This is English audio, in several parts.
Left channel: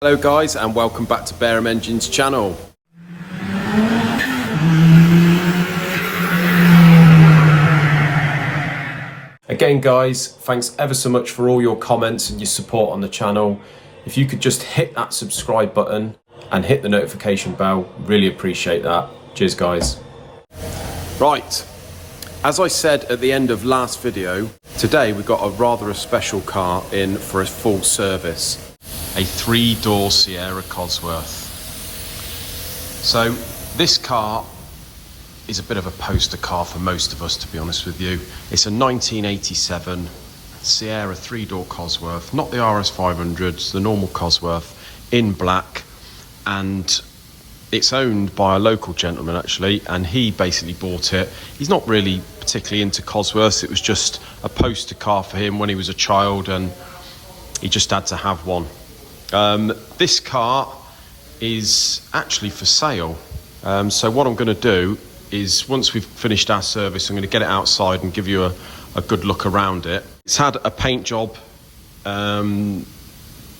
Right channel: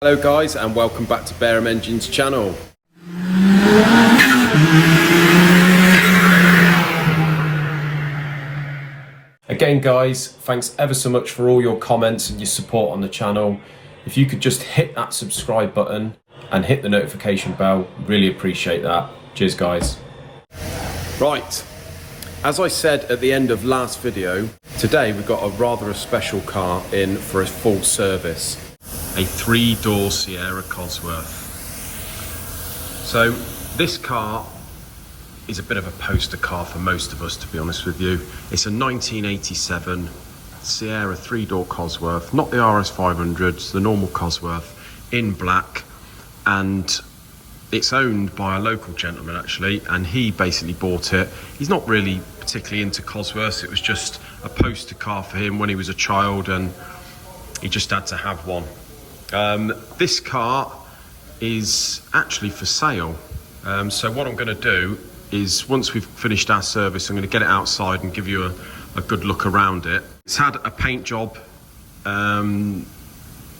Hello guys, and welcome back to Barum Engines channel. Again guys, thanks ever so much for all your comments and your support on the channel. If you could just hit that subscribe button and hit the notification bell, really appreciate that. Cheers guys. Right, as I said at the end of last video, today we've got a special car in for a full service. A 3-door Sierra COSWORTH. So this car is a bit of a poster car for most of us, to be honest with you. It's a 1987 Sierra 3-door COSWORTH, not the RS500, it's the normal COSWORTH in black, and it's owned by a local gentleman actually, and he basically bought it. He's not really particularly into COSWORTHs, it was just a poster car for him when he was a child and he just had to have one. This car is actually for sale. So what I'm going to do is, once we've finished our service, I'm going to get it outside and give you a good look around it. It's had a paint job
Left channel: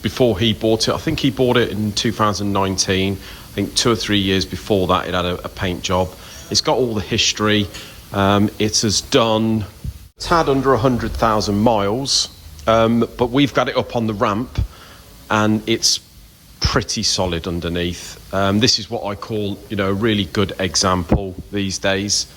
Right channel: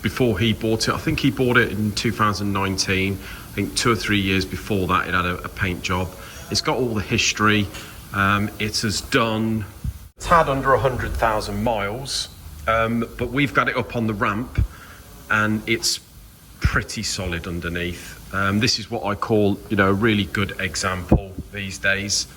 before he bought it. I think he bought it in 2019. I think 2 or 3 years before that it had a paint job. It's got all the history. It's had under 100,000 miles, but we've got it up on the ramp and it's pretty solid underneath. This is what I call, a really good example these days.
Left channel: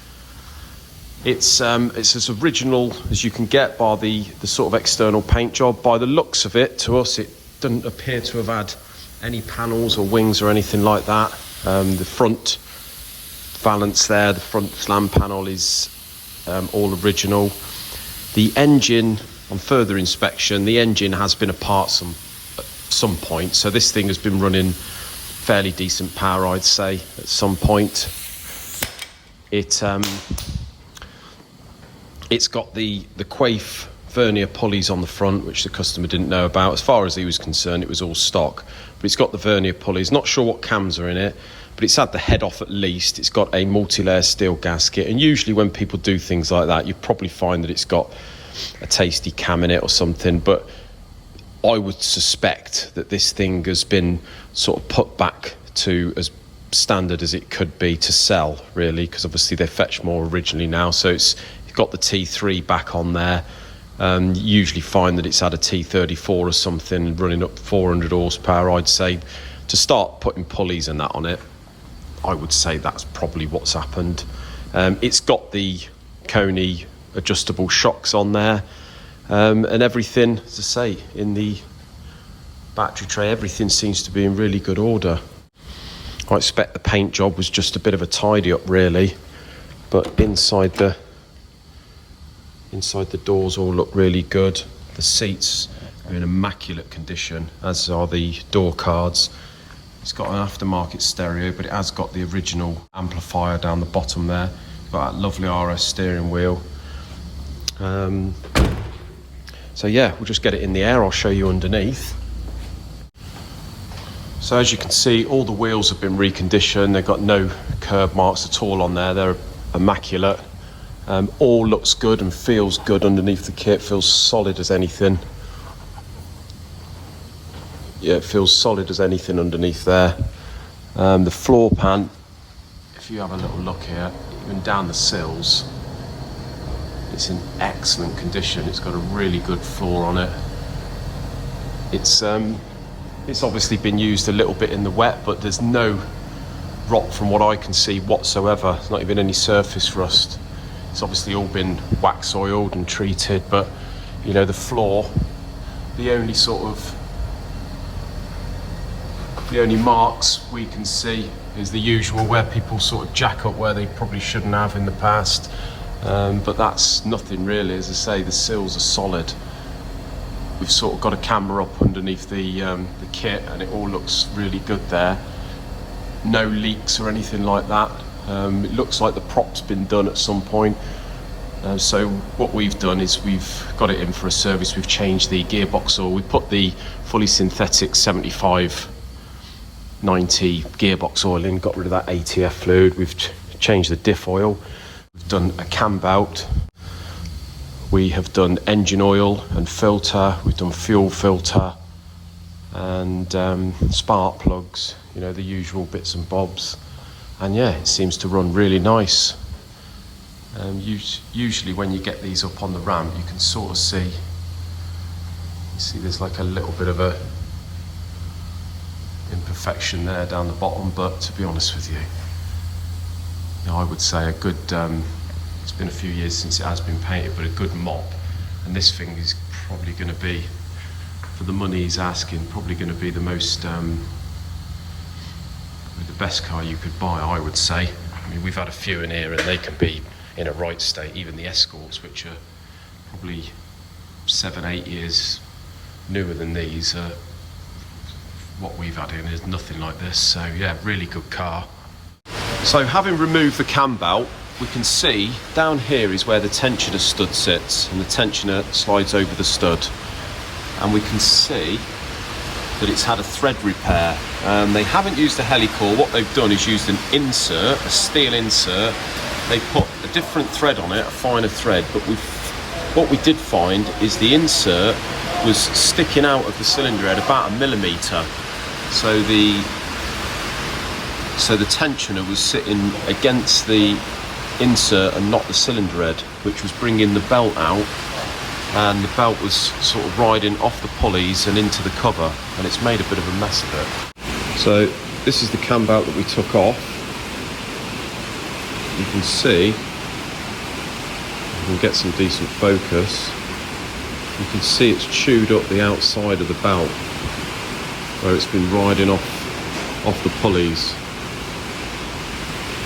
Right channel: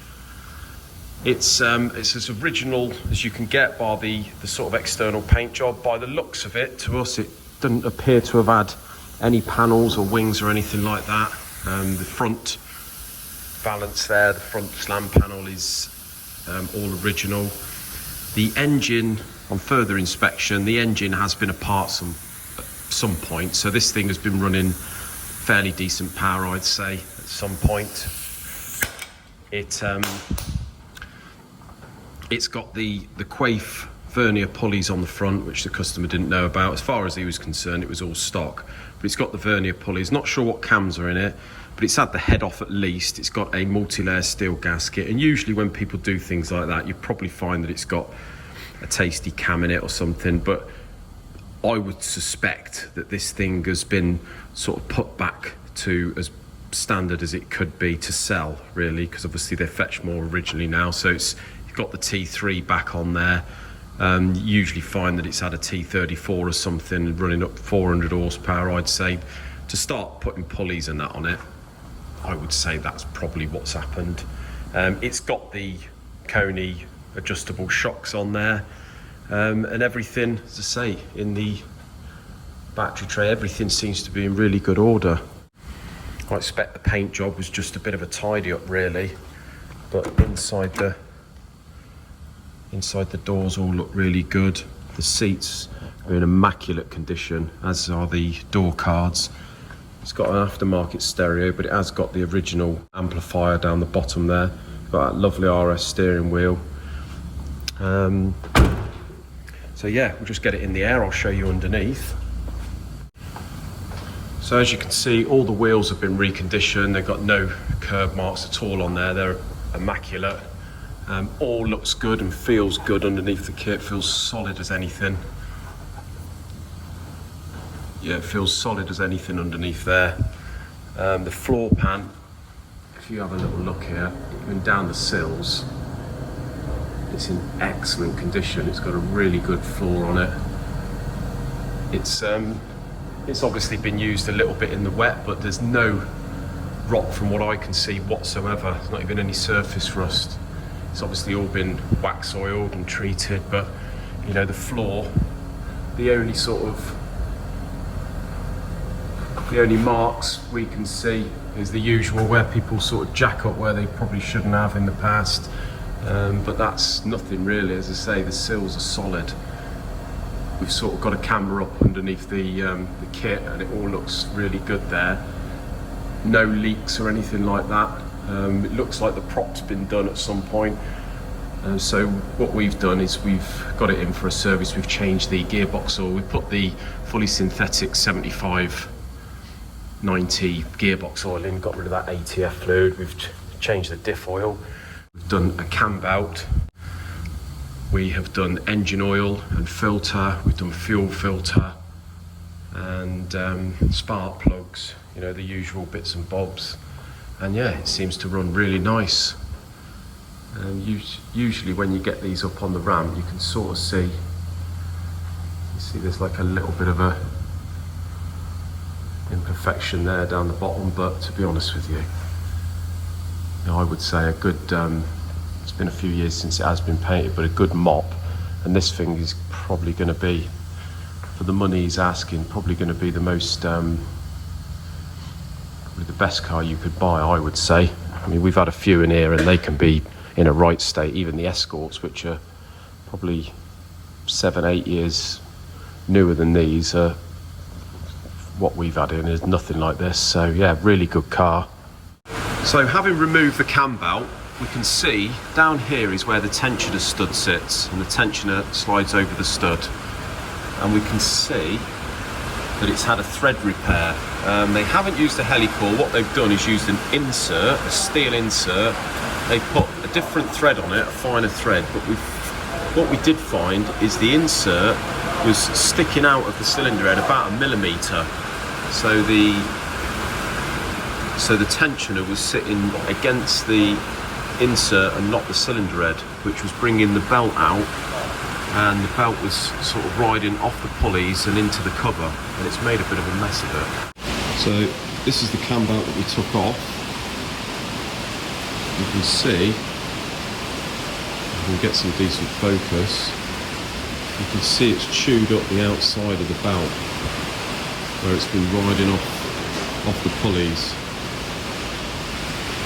It's as original as you can get by the sort of external paint job. By the looks of it, to us, it doesn't appear to have had any panels or wings or anything like that. The front valance there, the front slam panel is all original. The engine, on further inspection, the engine has been apart some point, so this thing has been running fairly decent power, I'd say, at some point. It's got the Quaife vernier pulleys on the front, which the customer didn't know about. As far as he was concerned, it was all stock, but it's got the vernier pulleys. Not sure what cams are in it, but it's had the head off at least. It's got a multi-layer steel gasket, and usually when people do things like that, you probably find that it's got a tasty cam in it or something, but I would suspect that this thing has been sort of put back to as standard as it could be to sell, really, because obviously they fetch more originally now. So it's got the T3 back on there. You usually find that it's had a T34 or something running up 400 horsepower, I'd say. To start putting pulleys and that on it, I would say that's probably what's happened. It's got the Coney adjustable shocks on there. And everything, as I say, in the battery tray, everything seems to be in really good order. I expect the paint job was just a bit of a tidy up, really, but inside the doors all look really good. The seats are in immaculate condition, as are the door cards. It's got an aftermarket stereo, but it has got the original amplifier down the bottom there. It's got that lovely RS steering wheel. So yeah, we'll just get it in the air. I'll show you underneath. So as you can see, all the wheels have been reconditioned. They've got no curb marks at all on there. They're immaculate. All looks good and feels good underneath the kit. Feels solid as anything. Yeah, it feels solid as anything underneath there. The floor pan, if you have a little look here, going down the sills, it's in excellent condition. It's got a really good floor on it. It's obviously been used a little bit in the wet, but there's no rot from what I can see whatsoever. There's not even any surface rust. It's obviously all been wax oiled and treated, but the floor, the only marks we can see is the usual, where people sort of jack up where they probably shouldn't have in the past. But that's nothing really. As I say, the sills are solid. We've sort of got a camera up underneath the kit, and it all looks really good there. No leaks or anything like that. It looks like the prop's been done at some point. So what we've done is we've got it in for a service. We've changed the gearbox oil. We put the fully synthetic 75/90 gearbox oil in, got rid of that ATF fluid. We've changed the diff oil. We've done a cam belt. We have done engine oil and filter. We've done fuel filter. and spark plugs, you know, the usual bits and bobs. And yeah, it seems to run really nice. Usually when you get these up on the ramp, you can sort of see, you see there's like a little bit of a imperfection there down the bottom, but to be honest with you, I would say a good, it's been a few years since it has been painted, but a good mop, and this thing is probably going to be, for the money he's asking, probably going to be the most, probably the best car you could buy, I would say. I mean, we've had a few in here and they can be in a right state. Even the Escorts, which are probably 7-8 years newer than these, what we've had in is nothing like this. So yeah, really good car. So having removed the cam belt, we can see down here is where the tensioner stud sits, and the tensioner slides over the stud, and we can see that it's had a thread repair. They haven't used a helicore. What they've done is used an insert, a steel insert. They put a different thread on it, a finer thread, but what we did find is the insert was sticking out of the cylinder head about 1 millimetre. So the tensioner was sitting against the insert and not the cylinder head, which was bringing the belt out, and the belt was sort of riding off the pulleys and into the cover, and it's made a bit of a mess of it. So this is the cam belt that we took off. You can see, you can get some decent focus, you can see it's chewed up the outside of the belt where it's been riding off the pulleys.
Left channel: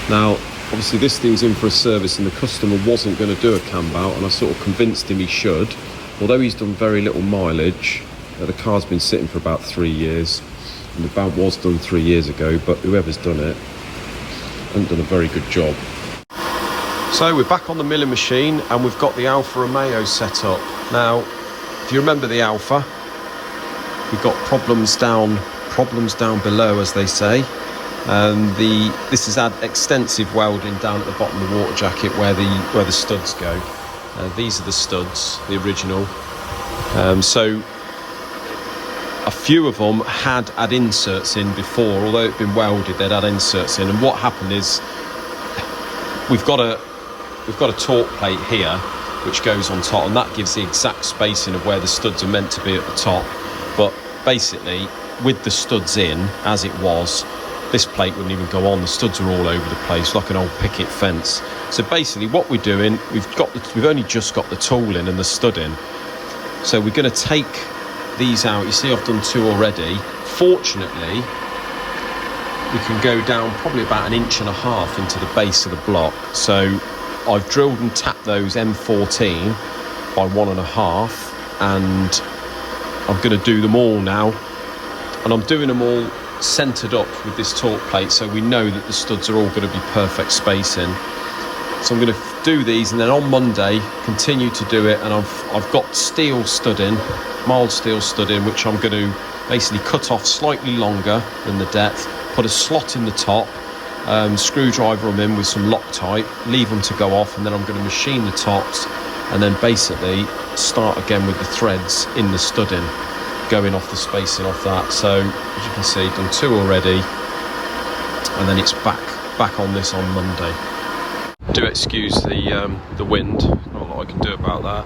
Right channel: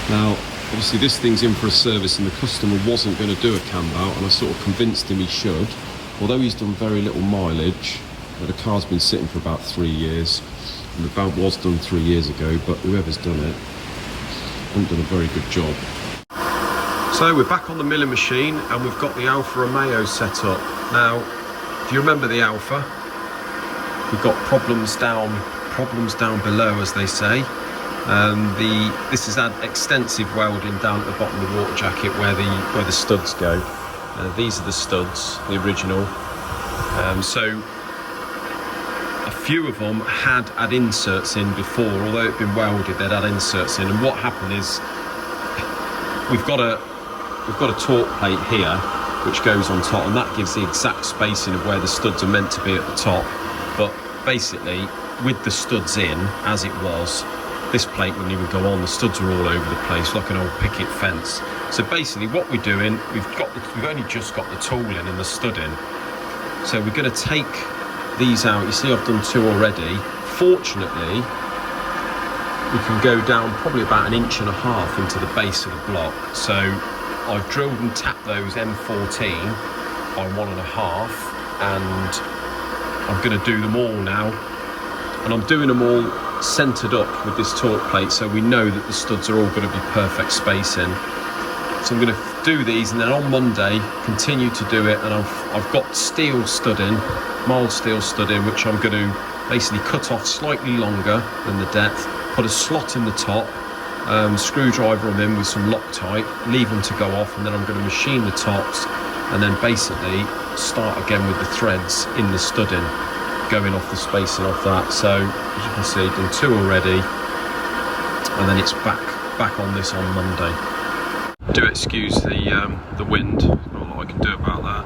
Now obviously this thing's in for a service, and the customer wasn't going to do a cam belt, and I sort of convinced him he should. Although he's done very little mileage, the car's been sitting for about 3 years, and the belt was done 3 years ago, but whoever's done it hasn't done a very good job. So we're back on the milling machine, and we've got the Alfa Romeo set up. Now, if you remember the Alfa, we've got problems down below, as they say. This has had extensive welding down at the bottom of the water jacket where the studs go. These are the studs, the original. So a few of them had inserts in before, although it'd been welded, they'd had inserts in. And what happened is we've got a torque plate here which goes on top, and that gives the exact spacing of where the studs are meant to be at the top. But basically, with the studs in as it was, this plate wouldn't even go on. The studs are all over the place like an old picket fence. So basically what we're doing, we've only just got the tool in and the stud in. So we're going to take these out. You see I've done 2 already. Fortunately, we can go down probably about 1.5 inches into the base of the block. So I've drilled and tapped those M14 by 1.5, and I'm going to do them all now. And I'm doing them all centered up with this torque plate, so we know that the studs are all going to be perfect spacing. So I'm going to do these, and then on Monday continue to do it. And I've got steel studding, mild steel studding, which I'm going to basically cut off slightly longer than the depth, put a slot in the top, screwdriver them in with some Loctite, leave them to go off, and then I'm going to machine the tops, and then basically start again with the threads in the studding, going off the spacing off that. So as you can see, done 2 already, and then it's back on this on Monday. Do excuse the wind, not a lot I can do about that.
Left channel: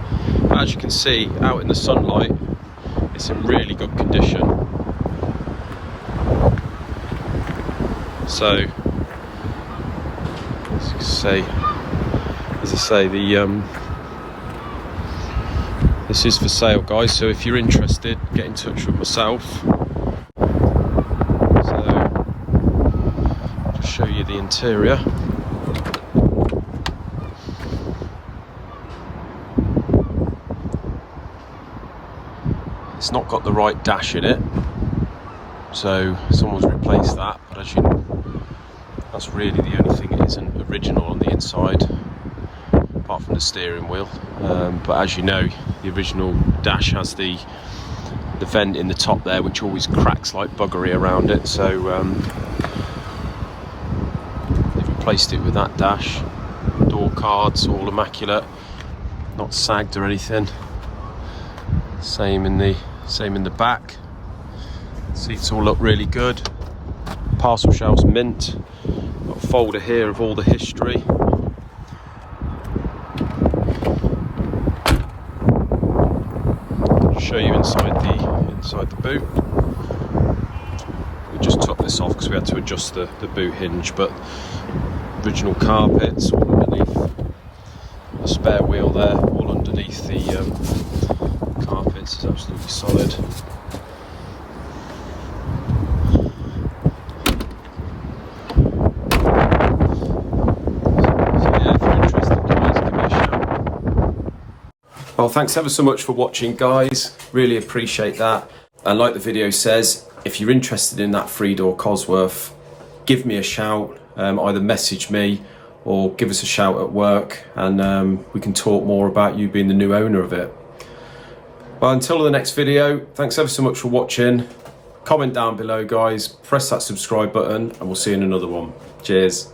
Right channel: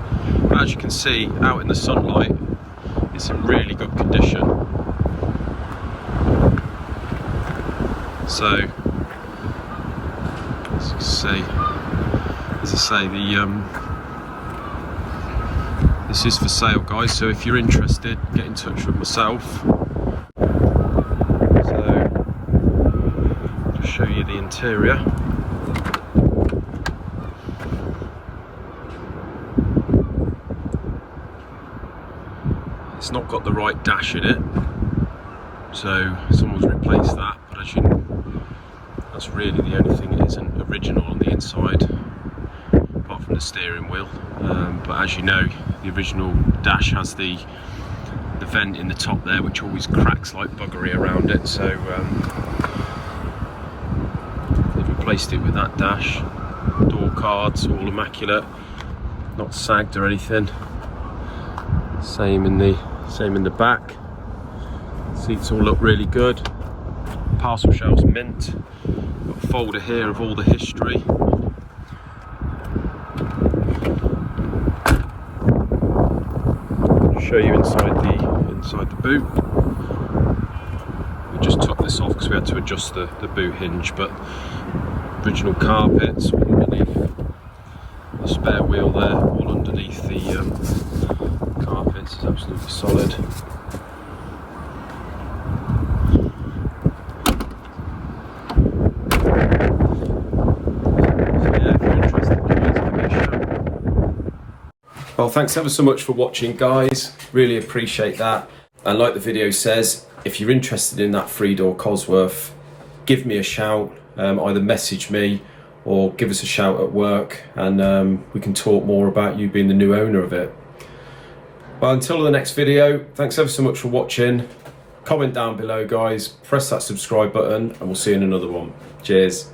But as you can see, out in the sunlight, it's in really good condition. So as I say, this is for sale, guys, so if you're interested, get in touch with myself. So I'll show you the interior. It's not got the right dash in it, so someone's replaced that, but as you know, that's really the only thing it isn't original on the inside, apart from the steering wheel. But as you know, the original dash has the vent in the top there, which always cracks like buggery around it. So they've replaced it with that dash. Door cards all immaculate, not sagged or anything. Same in the back. Seats all look really good. Parcel shelves mint. Got a folder here of all the history. Show you inside the boot. We just took this off because we had to adjust the boot hinge, but original carpets all underneath the spare wheel there, all underneath the carpets. It's absolutely solid. Well, thanks ever so much for watching, guys. Really appreciate that. And like the video says, if you're interested in that 3-door Cosworth, give me a shout. Either message me or give us a shout at work, and we can talk more about you being the new owner of it. Well, until the next video, thanks ever so much for watching. Comment down below, guys. Press that subscribe button, and we'll see you in another one. Cheers.